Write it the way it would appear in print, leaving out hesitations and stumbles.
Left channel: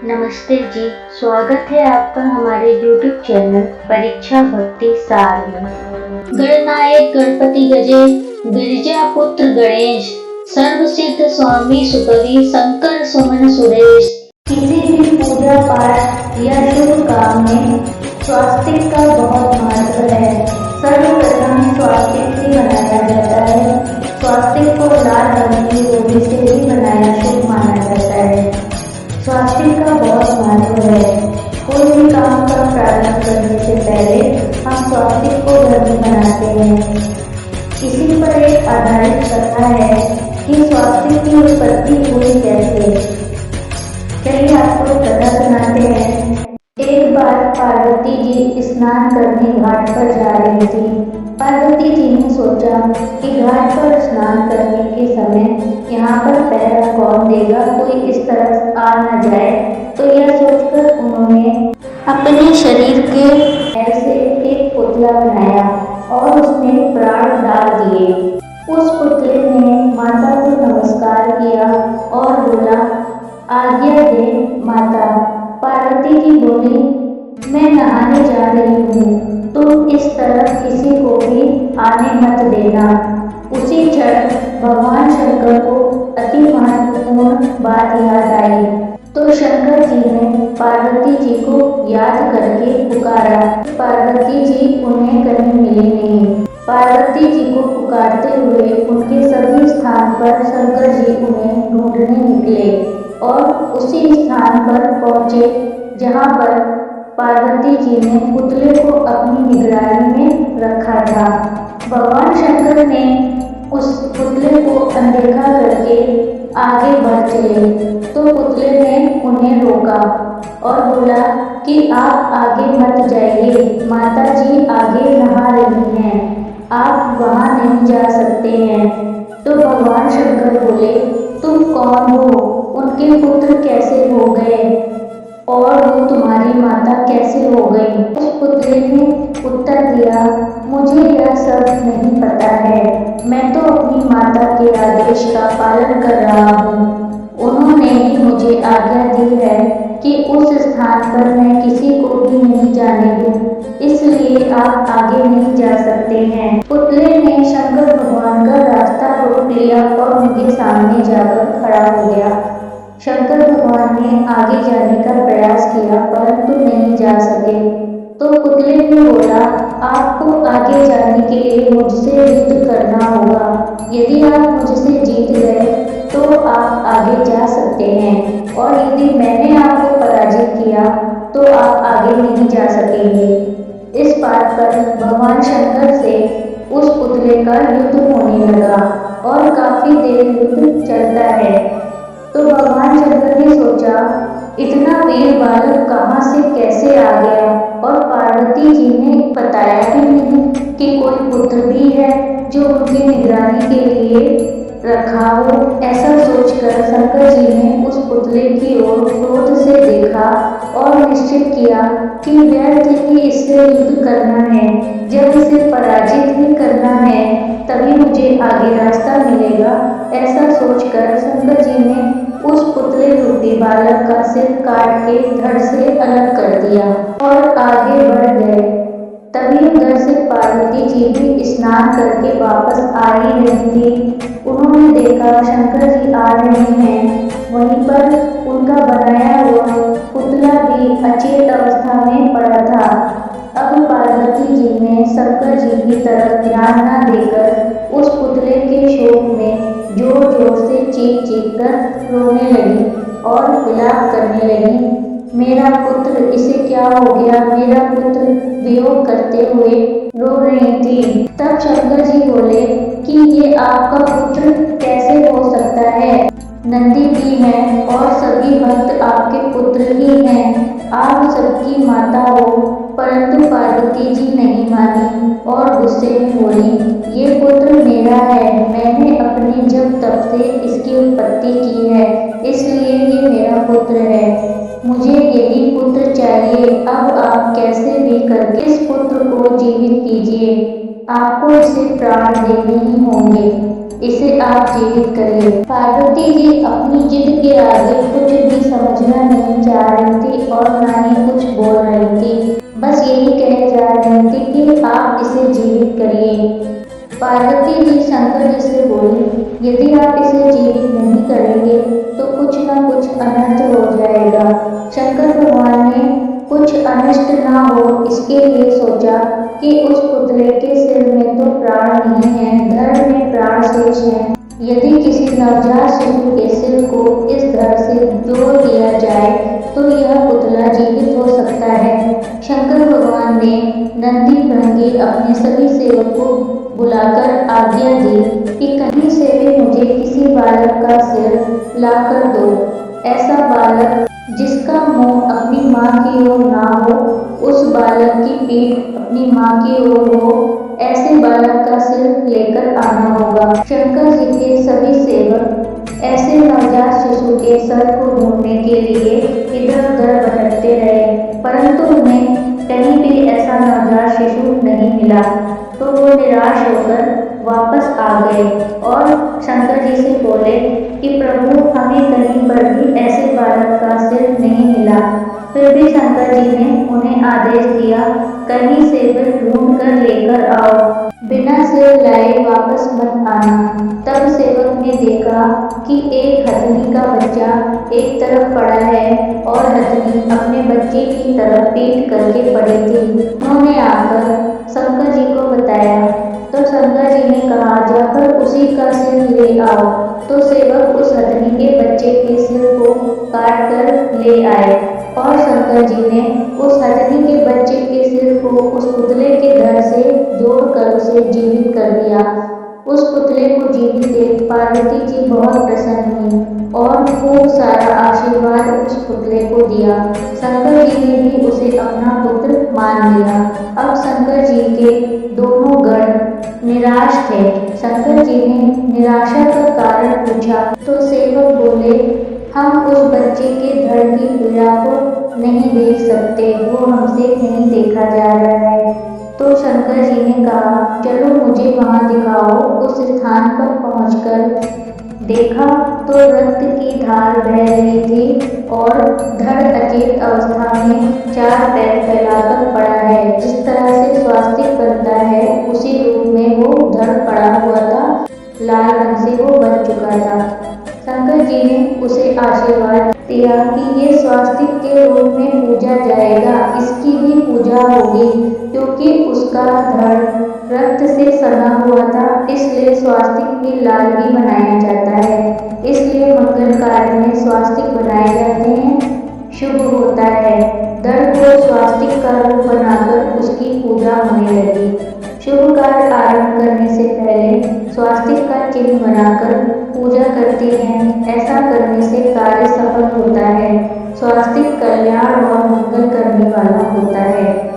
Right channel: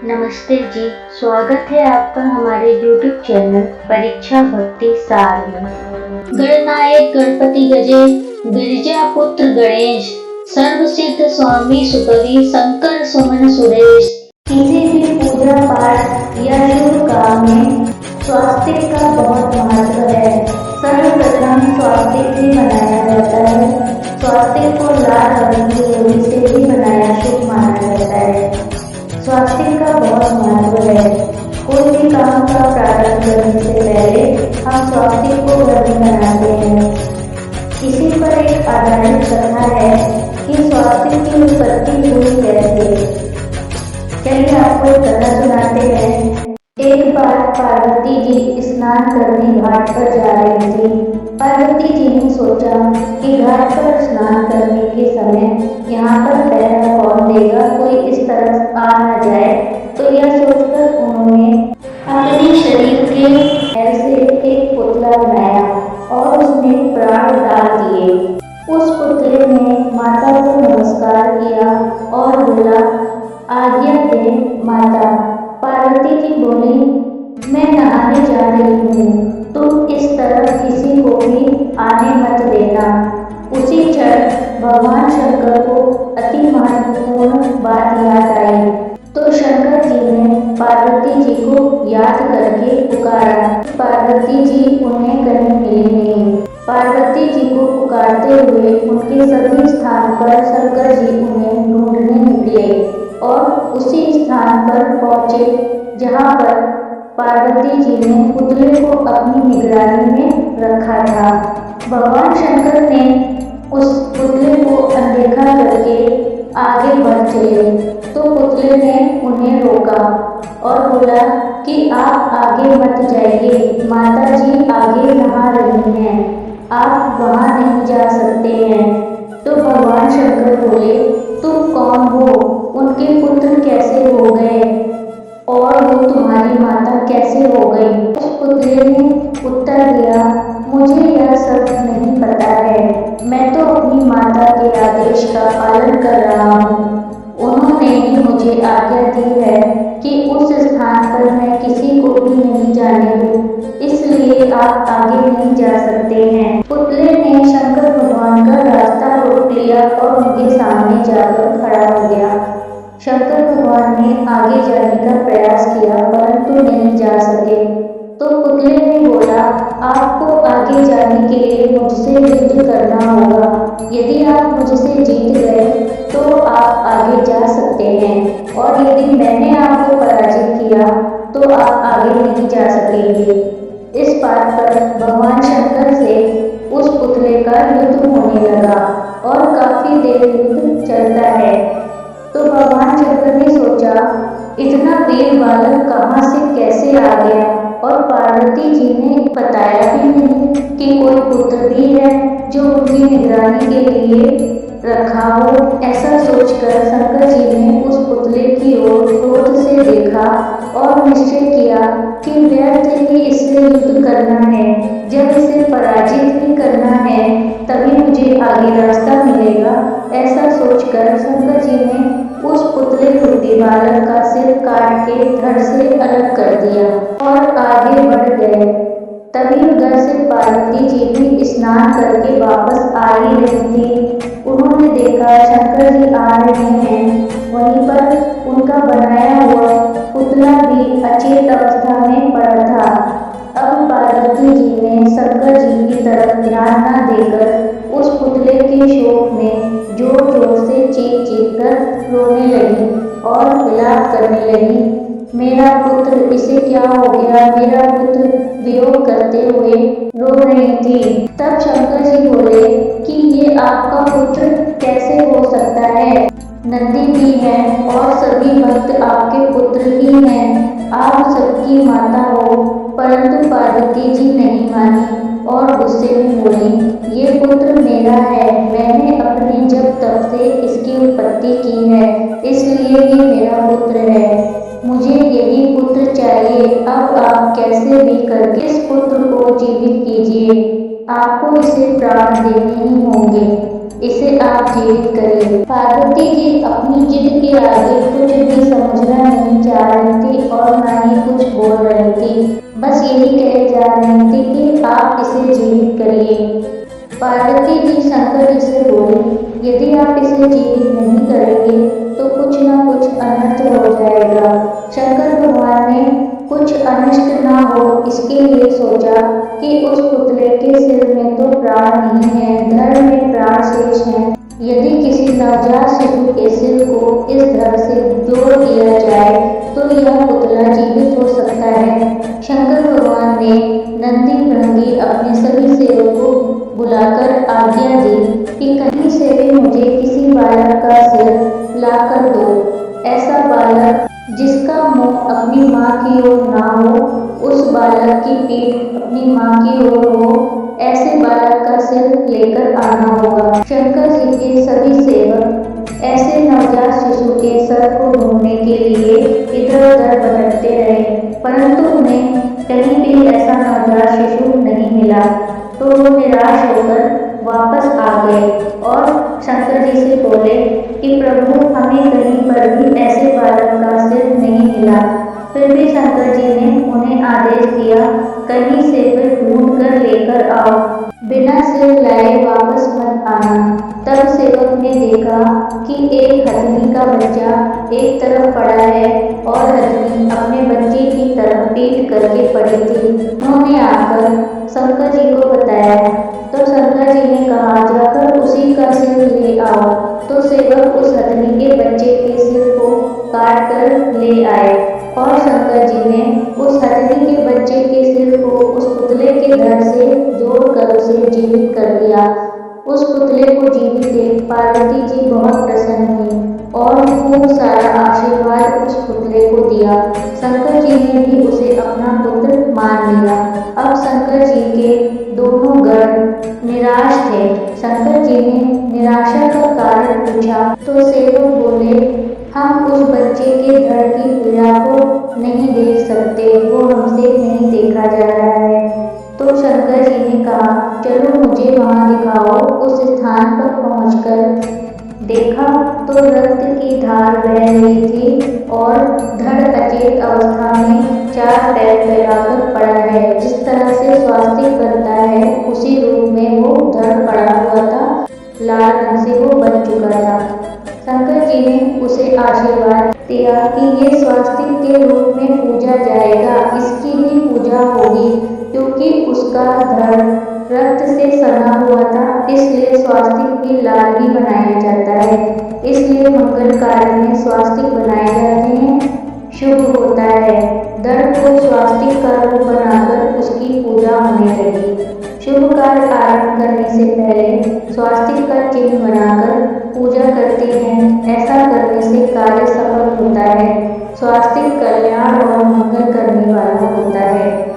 नमस्ते जी। स्वागत है आपका हमारे YouTube चैनल परीक्षा भक्ति सार में। गणनायक गणपति गजे, गिरिजा पुत्र गणेश, सर्वसिद्ध स्वामी सुकवि शंकर सुमन सुरेश। किसी भी पूजा पाठ या शुभ काम में स्वास्तिक का बहुत महत्व है। सर्वप्रथम स्वास्तिक भी बनाया जाता है। स्वास्तिक को लाल रंग की रोली से भी बनाया शुभ माना जाता है। स्वास्तिक का बहुत महत्व है। कोई भी काम का प्रारंभ करने से पहले हम स्वास्तिक को घर में बनाते हैं। इसी पर एक आधारित कथा है कि स्वास्तिक की उत्पत्ति हुई कैसे। चलिए आपको एक कथा सुनाते हैं। एक बार पार्वती जी स्नान करने घाट पर जा रही थी। पार्वती जी ने सोचा कि घाट पर स्नान करने के समय यहाँ पर पहरा कौन देगा, कोई इस तरफ आ न जाए। तो यह सोचकर उन्होंने अपने शरीर के पैर से एक पुतला बनाया और उसमें प्राण डाल दिए। उस पुतले ने माता को नमस्कार किया और बोला, आज्ञा दे माता। पार्वती जी बोली, मैं नहाने जा रही हूँ, तुम इस तरफ किसी को भी आने मत देना। उसी क्षण भगवान शंकर को अति महत्वपूर्ण बात याद आई। तो शंकर जी ने पार्वती जी को याद करके पुकारा। पार्वती जी उन्हें कहीं मिली नहीं। पार्वती जी को पुकारते हुए उनके सभी स्थान पर शंकर जी उन्हें ढूंढने निकले और उसी स्थान पर पहुँचे जहाँ पर पार्वती जी ने पुतले को अपनी निगरानी में रखा था। भगवान शंकर ने उस पुतले को अनदेखा करके आगे बढ़ चले तो पुतले ने उन्हें रोका और बोला कि आप आगे मत जाइए, माता जी आगे नहा रही हैं, आप वहाँ नहीं जा सकते हैं। तो भगवान शंकर बोले, तुम कौन हो, उनके पुत्र कैसे हो गए और वो तुम्हारी माता कैसे हो गई। उस पुतले ने उत्तर दिया, मुझे यह सब नहीं पता है, मैं तो अपनी माता के आदेश का पालन कर रहा हूँ। उन्होंने ही मुझे आज्ञा दी है कि उस स्थान पर मैं किसी को भी नहीं जाने दूँ, इसलिए आप आगे नहीं जा सकते हैं। पुतले ने शंकर भगवान का रास्ता रोक लिया और उनके सामने जाकर खड़ा हो गया। शंकर भगवान ने आगे जाने का प्रयास किया परंतु नहीं जा सके। तो पुतले ने बोला, आपको आगे जाने के लिए मुझसे युद्ध करना होगा। यदि आप मुझसे जीत गए तो आप आगे जा सकते हैं और यदि मैंने आपको पराजित किया तो आप आगे नहीं जा सकेंगे। इस बात पर भगवान शंकर से उस पुतले का युद्ध होने लगा और काफी देर युद्ध चलता है। तो भगवान शंकर ने सोचा, इतना वीर बालक कहाँ से कैसे आ गया और पार्वती जी ने बताया भी नहीं कि कोई पुत्र भी है जो उनकी निगरानी के लिए रखा हो। ऐसा सोचकर शंकर जी ने उस पुतले की ओर क्रोध से देखा और निश्चय किया कि व्यर्थ ही इससे युद्ध करना है। जब इसे पराजित ही करना है तभी मुझे आगे रास्ता मिलेगा। ऐसा सोचकर शंकर जी ने उस पुतले रूपी बालक का सिर काट के धड़ से अलग कर दिया और आगे बढ़ गए। तभी उधर से पार्वती जी भी स्नान करके वापस आ ही रही थी। उन्होंने देखा शंकर जी आ रहे हैं, वहीं पर उनका बनाया हुआ पुतला भी अचेत अवस्था में पड़ा था। अब पार्वती जी ने शंकर जी की तरफ ध्यान न देकर उस पुतले के शोक में जोर जोर से चीख चीख कर रोने लगी और विलाप करने लगी, मेरा पुत्र, इसे क्या हो गया, मेरा पुत्र, वियोग करते हुए रो रही थी। तब शंकर जी बोले कि ये आपका पुत्र कैसे हो सकता है, नंदी भी हैं और सभी भक्त आपके पुत्र ही हैं, आप सबकी माता हो। परंतु पार्वती जी नहीं मानी और गुस्से में बोली, ये पुत्र मेरा है, मैंने अपने जब तब से इसकी उत्पत्ति की है, इसलिए ये मेरा पुत्र है, मुझे यही पुत्र चाहिए। अब आप कैसे भी करके इस पुत्र को जीवित कीजिए, आपको इसे प्राण देने ही होंगे, इसे आप जीवित करिए। पार्वती जी अपनी जिद के आगे कुछ भी समझना नहीं चाह और ना ही कुछ बोल रही थी, बस यही कहे जा रही थी कि आप इसे जीवित करिए। पार्वती जी शंकर जी से बोली, यदि आप इसे जीवित नहीं करेंगे तो कुछ न कुछ अनर्थ हो जाएगा। शंकर भगवान ने कुछ अनिष्ट ना हो इसके लिए सोचा कि उस पुतले के सिर में तो प्राण नहीं है, धड़ में प्राण शेष है। यदि किसी नवजात शिशु के सिर को इस धड़ से जोड़ दिया जाए तो यह पुतला जीवित हो सकता है। शंकर भगवान ने नंदी भृंगी अपने सभी सेवक को बुलाकर आज्ञा दी कि कहीं से भी मुझे किसी बालक का सिर लाकर दो। ऐसा बालक जिसका मुंह अपनी माँ की ओर ना हो, उस बालक की पीठ अपनी माँ की ओर हो, ऐसे बालक का सिर लेकर आना होगा। शंकर जी के सभी सेवक ऐसे नवजात शिशु के सर को ढूंढने के लिए इधर उधर भटकते रहे, परंतु उन्हें कहीं भी ऐसा नवजात शिशु नहीं मिला। तो वो निराश होकर वापस आ गए और शंकर जी से बोले कि प्रभु, हमें कहीं पर भी ऐसे बालक का सिर नहीं मिला। फिर भी शंकर जी ने उन्हें आदेश दिया, कहीं से भी ढूंढ कर लेकर आओ, बिना सिर लाए वापस मत आना। तब सेवक ने देखा कि एक हथनी का बच्चा एक तरफ पड़ा है और हथनी अपने बच्चे की तरफ पीठ करके पड़ी थी। उन्होंने आकर शंकर जी को बताया तो शंकर जी ने कहा, जाकर उसी का सिर ले आओ। तो सेवक उस हथनी के बच्चे के सिर को काट कर ले आए और शंकर जी ने उस हथनी के बच्चे के सिर को उस पुतले के धड़ से जोड़कर उसे जीवित कर दिया। उस पुतले को जीवित देख पार्वती जी बहुत प्रसन्न हुई और खूब सारा आशीर्वाद उस पुतले को दिया। शंकर जी ने भी उसे अपना पुत्र मान लिया। अब शंकर जी के दोनों गण निराश थे। शंकर जी ने निराशा का कारण पूछा तो सेवक बोले, हम उस बच्चे के धड़ की पीड़ा को नहीं देख सकते, वो हमसे नहीं देखा जा रहा है। तो शंकर जी ने कहा, चलो मुझे वहाँ दिखाओ। उस स्थान पर पहुंचकर देखा तो रक्त की धार बह रही थी और धड़ अचेत अवस्था में चार पैर फैलाकर पड़ा है। जिस तरह से स्वास्तिक बनता है उसी रूप में वो धड़ पड़ा हुआ था, लाल रंग से वो बन चुका था। शंकर जी ने उसे आशीर्वाद दिया कि ये स्वास्तिक के रूप में पूजा जाएगा, इसकी भी पूजा होगी, क्योंकि उसका धड़ रक्त से सना हुआ था, इसलिए स्वास्तिक भी लाल ही बनाया जाता है। इसलिए मंगल कार्य में स्वास्तिक बनाए जाते हैं, शुभ होता है। धड़ को स्वास्तिक का रूप बनाकर उसकी पूजा होने लगी। शुभ कार्य आरंभ करने से पहले स्वास्तिक का चिन्ह बनाकर पूजा करते हैं। ऐसा करने से कार्य सफल होता है। स्वास्तिक कल्याण और मंगल करने वाला होता है।